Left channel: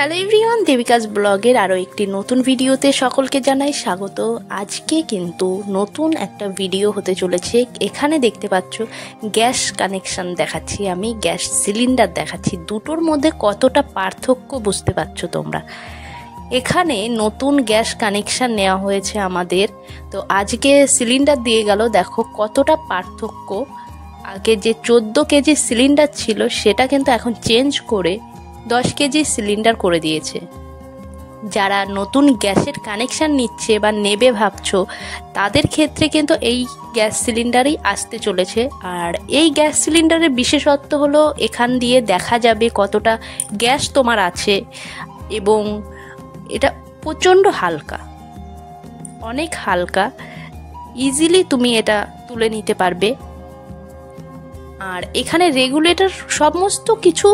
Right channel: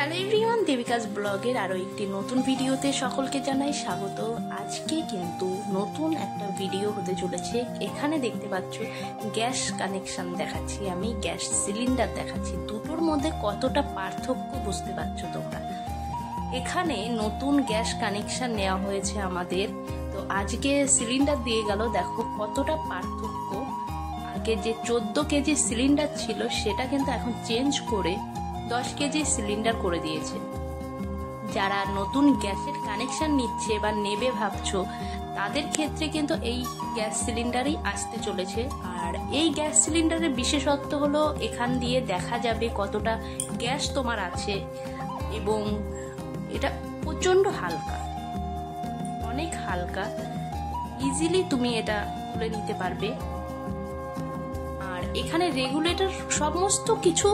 Hello everyone, দেবিকাস ব্লগের আরও একটি নতুন ভিডিওতে সকলকে জানাই স্বাগত। আজকে কিন্তু নতুন একটা ভিডিও হতে চলেছে। এখানে দেখতে পাচ্ছ গ্যাস কানেকশন দেখাচ্ছি, আমি গ্যাস সিলিন্ডার দেখাচ্ছি। দুটোর মধ্যে কতটা পার্থক্য বুঝতে পারছো তোমরা। এখানে নতুন গ্যাস কানেকশন নেওয়া হয়েছে আমাদের, তো আজকে সিলিন্ডার দিয়ে গেল। দেখো কতটা পার্থক্য। আগে যে 14 কেজি সিলিন্ডার ছিল সেটা কিন্তু এখন চেঞ্জ করে 10 কেজি সিলিন্ডার করে দিয়েছে। যারা নতুন গ্যাসের কানেকশন নিচ্ছে বা নেবে ভাবছো তাদের ক্ষেত্রে কিন্তু এই গ্যাস সিলিন্ডারই আসতে চলেছে। আর এই গ্যাস সিলিন্ডারের বিশেষত্ব হলো এখান দিয়ে দেখা যাবে কতটা গ্যাস তোমার আছে, এবং এটা প্রচণ্ড হালকা, অনেক হালকা, ইজিলি তুমি এটা তুলে নিতে পারবে। আর এখানে রেগুলেটর সমস্ত কিছু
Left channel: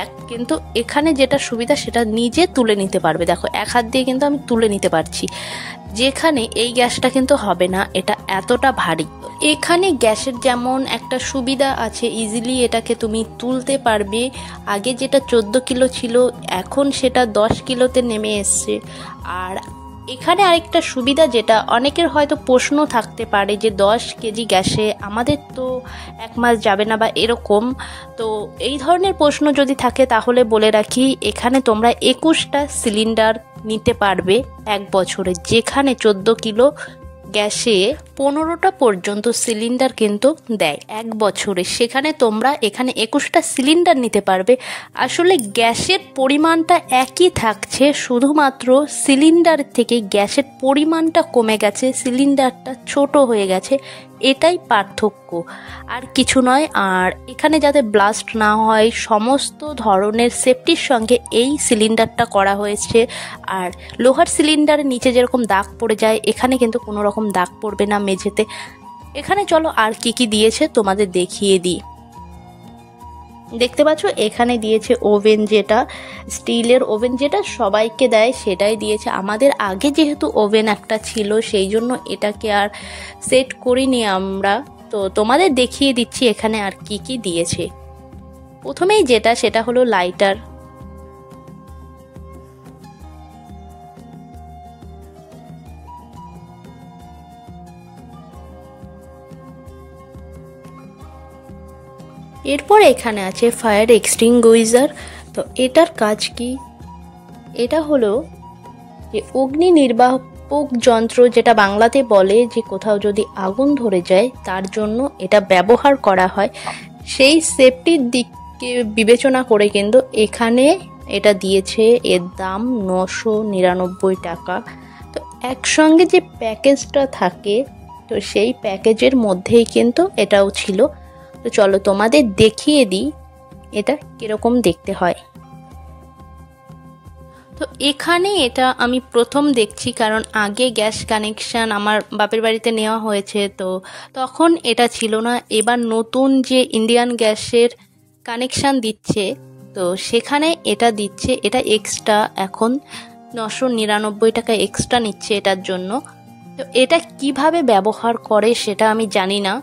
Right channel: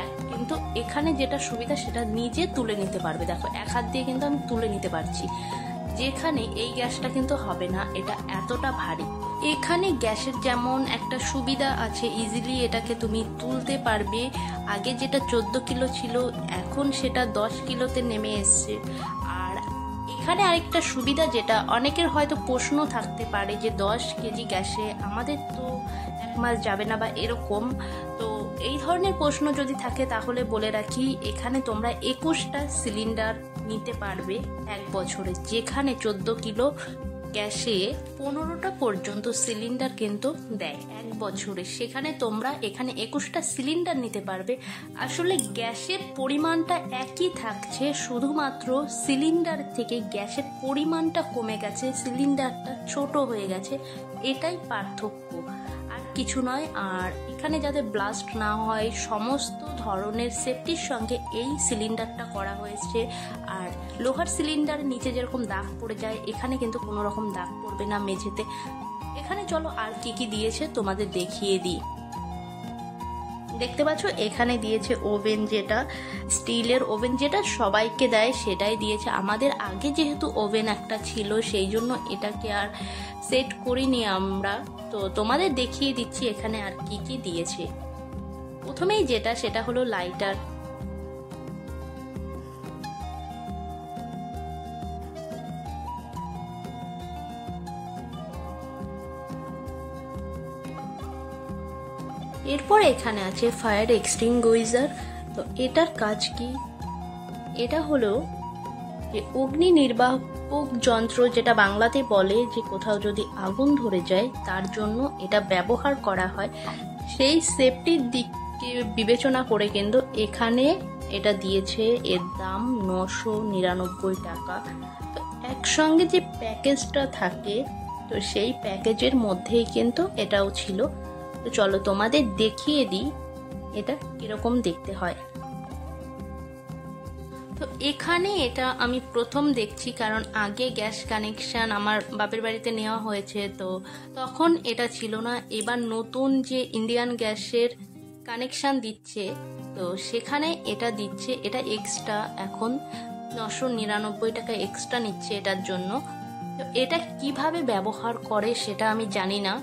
এক, কিন্তু এখানে যেটা সুবিধা সেটা নিজে তুলে নিতে পারবে। দেখো এক হাত দিয়ে কিন্তু আমি তুলে নিতে পারছি, যেখানে এই গ্যাসটা কিন্তু হবে না, এটা এতটা ভারী। এখানে গ্যাসের যেমন একটা সুবিধা আছে, ইজিলি এটাকে তুমি তুলতে পারবে। আগে যেটা 14 কিলো ছিল এখন সেটা 10 কিলোতে নেমে এসছে। আর এখানে আরেকটা সুবিধা, যেটা অনেকের হয়তো প্রশ্ন থাকতে পারে যে 10 কেজি গ্যাসে আমাদের তো 1 মাস যাবে না বা এরকম, তো এই ধরনের প্রশ্ন যদি থাকে তাহলে বলে রাখি, এখানে তোমরা 21টা সিলিন্ডার নিতে পারবে 1 বছরে। যেখানে 14 কিলো গ্যাসে 15টা পর্যন্ত সিলিন্ডার কিন্তু দেয় 1 বছরে, সেখানে তোমরা এখানে 21টা সিলিন্ডার নিতে পারবে। আসলে গ্যাসের পরিমাণটা একই থাকছে, শুধুমাত্র সিলিন্ডার থেকে গ্যাসের পরিমাণটা কমে গেছে, সিলিন্ডারটা ছোট হয়ে গেছে, এটাই পার্থক্য, আর কিছু নয়। আর এখানে যাতে ব্লাস্ট না হয় সমস্ত ধরনের সেফটির সঙ্গে এই সিলিন্ডারটা করা হয়েছে। আর লোহার সিলিন্ডারের নিচে যেরকম দাগ পড়ে যায়, এখানে কিন্তু কোনো রকম দাগ পড়বে না মেঝেতে। এখানে চলো আর কি কি দিয়েছে তোমাদের দেখিয়ে দিই। দেখতে পাচ্ছ এখানে দিয়েছে ওভেন, যেটা স্টিলের ওভেন, যেটা সবাইকে দেয় সেটাই দিয়েছে। আমাদের আগে যেহেতু ওভেন একটা ছিল সেই জন্য এটাকে আর সেট করিনি আমরা, তো তোমাদের দেখিয়ে দিচ্ছি এখানে আর কি কি দিয়েছে। প্রথমেই যেটা সেটা হলো লাইটার। এরপর এখানে আছে ফায়ার এক্সটিংগুইজার। তো এটার কাজ কি? এটা হলো যে অগ্নি নির্বাপক যন্ত্র, যেটা বাংলাতে বলে যে কোথাও যদি আগুন ধরে যায় তার জন্য এটা ব্যবহার করা হয়। সেই সেফটির দিককে বিবেচনা করে কিন্তু এখানে এটা দিয়েছে। এর দাম 999 টাকা। তো একসঙ্গে যে প্যাকেজটা থাকে, তো সেই প্যাকেজের মধ্যেই কিন্তু এটাও ছিল। তো চলো তোমাদের দেখিয়ে দিই এটা কিরকম দেখতে হয়। তো এখানে এটা আমি প্রথম দেখছি, কারণ আগে গ্যাস কানেকশান আমার বাপের বাড়িতে নেওয়া হয়েছে, তো তখন এটা ছিল না। এবার নতুন যে ইন্ডিয়ান গ্যাসের কানেকশান দিচ্ছে, তো সেখানে এটা দিচ্ছে। এটা এক্সট্রা এখন 999 টাকা এক্সট্রা নিচ্ছে এটার জন্য। তো এটা কিভাবে ব্যবহার করে সেটা আমি জানি না,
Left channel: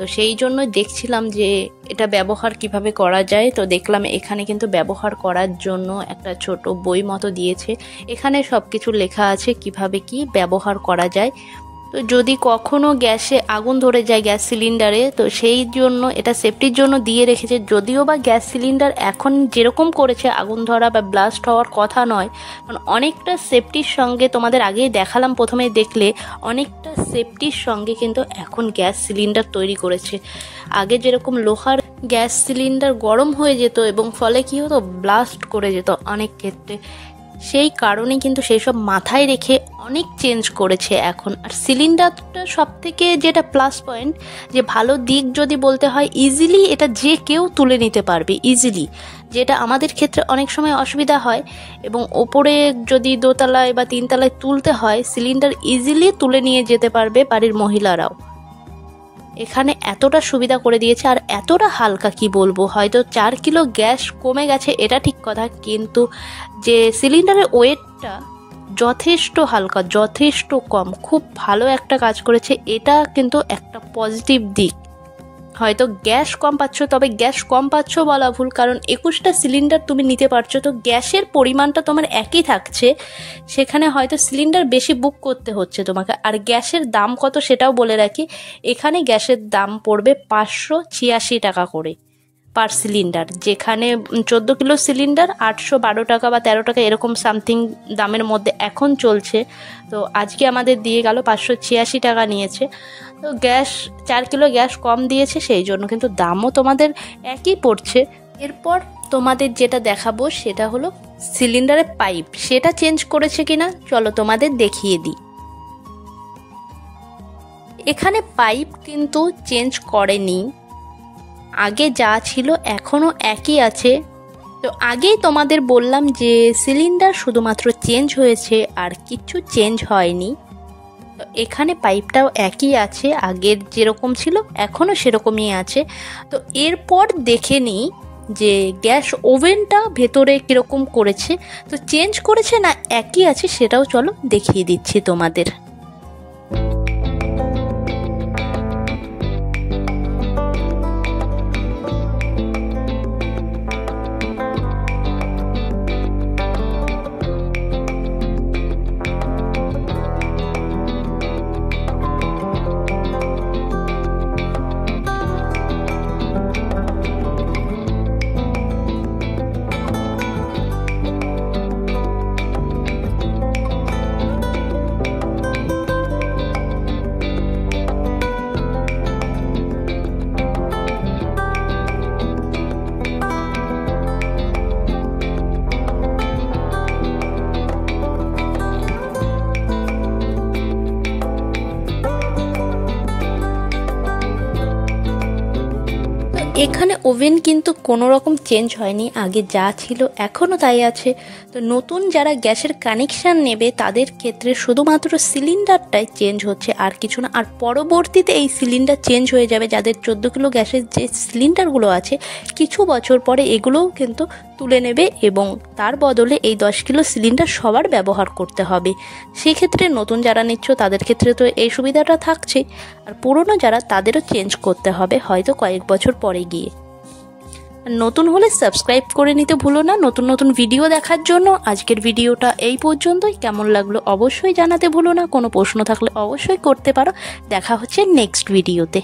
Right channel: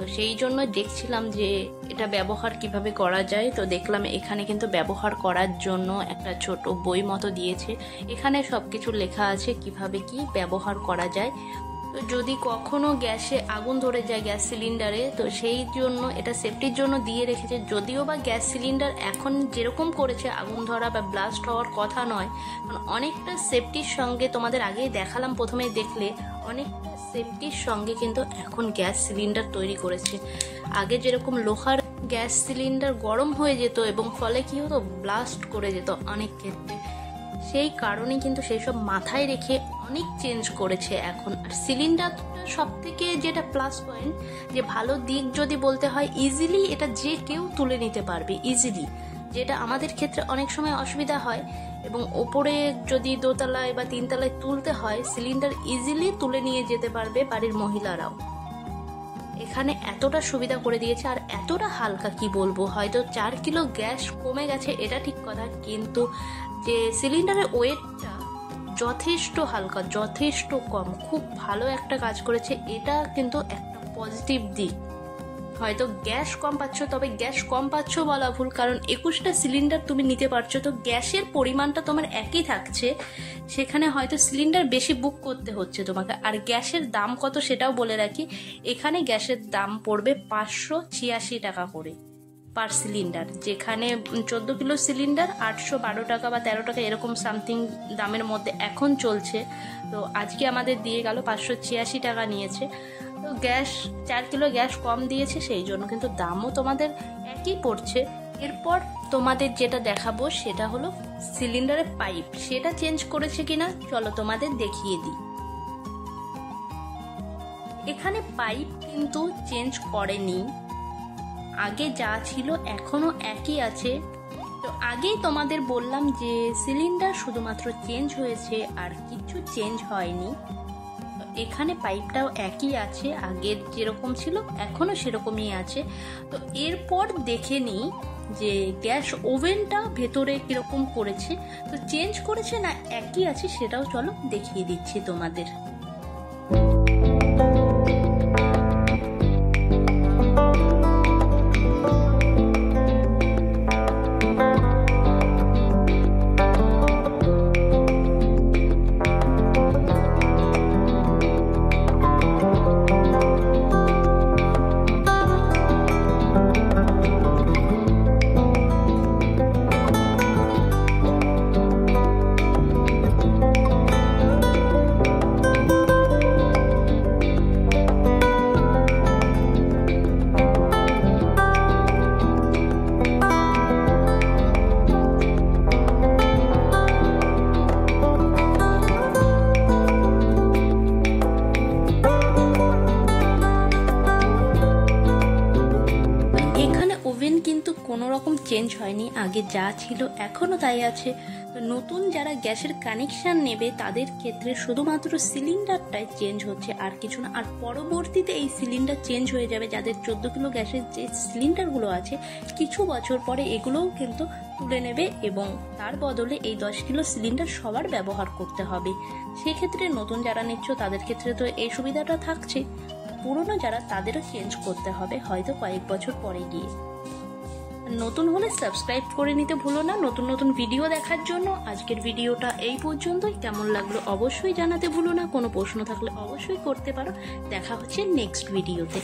তো সেই জন্য দেখছিলাম যে এটা ব্যবহার কিভাবে করা যায়। তো দেখলাম এখানে কিন্তু ব্যবহার করার জন্য একটা ছোট বই মতো দিয়েছে, এখানে সব কিছু লেখা আছে কিভাবে কি ব্যবহার করা যায়। তো যদি কখনো গ্যাসে আগুন ধরে যায় গ্যাস সিলিন্ডারে, তো সেই জন্য এটা সেফটির জন্য দিয়ে রেখেছে। যদিও বা গ্যাস সিলিন্ডার এখন যেরকম করেছে আগুন ধরা বা ব্লাস্ট হওয়ার কথা নয়, কারণ অনেকটা সেফটির সঙ্গে, তোমাদের আগেই দেখালাম প্রথমে দেখলে, অনেকটা সেফটির সঙ্গে কিন্তু এখন গ্যাস সিলিন্ডার তৈরি করেছে। আগে যেরকম লোহার গ্যাস সিলিন্ডার গরম হয়ে যেত এবং ফলে কি হতো, ব্লাস্ট করে যেত অনেক ক্ষেত্রে, সেই কারণে কিন্তু সেই সব মাথায় রেখে অনেক চেঞ্জ করেছে এখন। আর সিলিন্ডারটা সব থেকে যেটা প্লাস পয়েন্ট, যে ভালো দিক যদি বলতে হয়, ইজিলি এটা যে কেউ তুলে নিতে পারবে ইজিলি, যেটা আমাদের ক্ষেত্রে অনেক সময় অসুবিধা হয়। এবং ওপরে যদি 2 তলায় বা 3 তলায় তুলতে হয়, সিলিন্ডার ইজিলি তুলে নিয়ে যেতে পারবে বাড়ির মহিলারাও। এখানে এতটা সুবিধা করে দিয়েছে, আর এতটা হালকা কি বলবো, হয়তো 4 কিলো গ্যাস কমে গেছে এটা ঠিক কথা, কিন্তু যে সিলিন্ডারের ওয়েটটা যথেষ্ট হালকা, যথেষ্ট কম, খুব ভালো একটা কাজ করেছে। এটা কিন্তু একটা পজিটিভ দিক। হয়তো গ্যাস কম পাচ্ছ, তবে গ্যাস কম পাচ্ছ বলা ভুল, কারণ 21টা সিলিন্ডার তুমি নিতে পারছো, তো গ্যাসের পরিমাণটা তোমার একই থাকছে। সেখানে হয়তো সিলিন্ডার বেশি বুক করতে হচ্ছে তোমাকে। আর গ্যাসের দাম কত সেটাও বলে রাখি, এখানে গ্যাসের দাম পড়বে 586 টাকা করে পার সিলিন্ডার, যেখানে 14 কিলো সিলিন্ডার 812 টাকা বা 13 টাকা এরকম সামথিং দামের মধ্যে এখন চলছে। তো আজকে আমাদের দিয়ে গেল 586 টাকা নিয়েছে। তো গ্যাস 4 কিলো গ্যাস কম দিয়েছে, সেই জন্য কিন্তু দামও তোমাদের একই পড়ছে। এরপর তোমাদের যেটা দেখাবো সেটা হলো সিলিন্ডারের পাইপ, সেটা চেঞ্জ করেছে কিনা চলো তোমাদের দেখিয়ে দিই। এখানে পাইপ কিন্তু চেঞ্জ করেনি, আগে যা ছিল এখনও একই আছে। তো আগেই তোমাদের বললাম যে সিলিন্ডার শুধুমাত্র চেঞ্জ হয়েছে, আর কিছু চেঞ্জ হয়নি। তো এখানে পাইপটাও একই আছে, আগের যেরকম ছিল এখনও সেরকমই আছে। তো এরপর দেখে নিই যে গ্যাস ওভেনটা ভেতরে কীরকম করেছে, তো চেঞ্জ করেছে না একই আছে সেটাও চলো দেখিয়ে দিচ্ছি তোমাদের। এখানে ওভেন কিন্তু কোনো রকম চেঞ্জ হয়নি, আগে যা ছিল এখনও তাই আছে। তো নতুন যারা গ্যাসের কানেকশান নেবে তাদের ক্ষেত্রে শুধুমাত্র সিলিন্ডারটাই চেঞ্জ হচ্ছে, আর কিছু না। আর পরবর্তীতে এই সিলিন্ডার চেঞ্জ হয়ে যাবে, যাদের 14 কিলো গ্যাসের যে সিলিন্ডারগুলো আছে কিছু বছর পরে এগুলোও কিন্তু তুলে নেবে, এবং তার বদলে এই 10 কিলো সিলিন্ডার সবার ব্যবহার করতে হবে। সেক্ষেত্রে নতুন যারা নিচ্ছ তাদের ক্ষেত্রে তো এই সুবিধাটা থাকছেই, আর পুরনো যারা তাদেরও চেঞ্জ করতে হবে হয়তো কয়েক বছর পরে গিয়ে। নতুন হলে সাবস্ক্রাইব করে নিতে ভুলো না নতুন নতুন ভিডিও দেখার জন্য। আজকের ভিডিওটা এই পর্যন্তই, কেমন লাগলো অবশ্যই জানাতে ভুলো না, কোনো প্রশ্ন থাকলে অবশ্যই করতে পারো। দেখা হচ্ছে নেক্সট ভিডিওতে।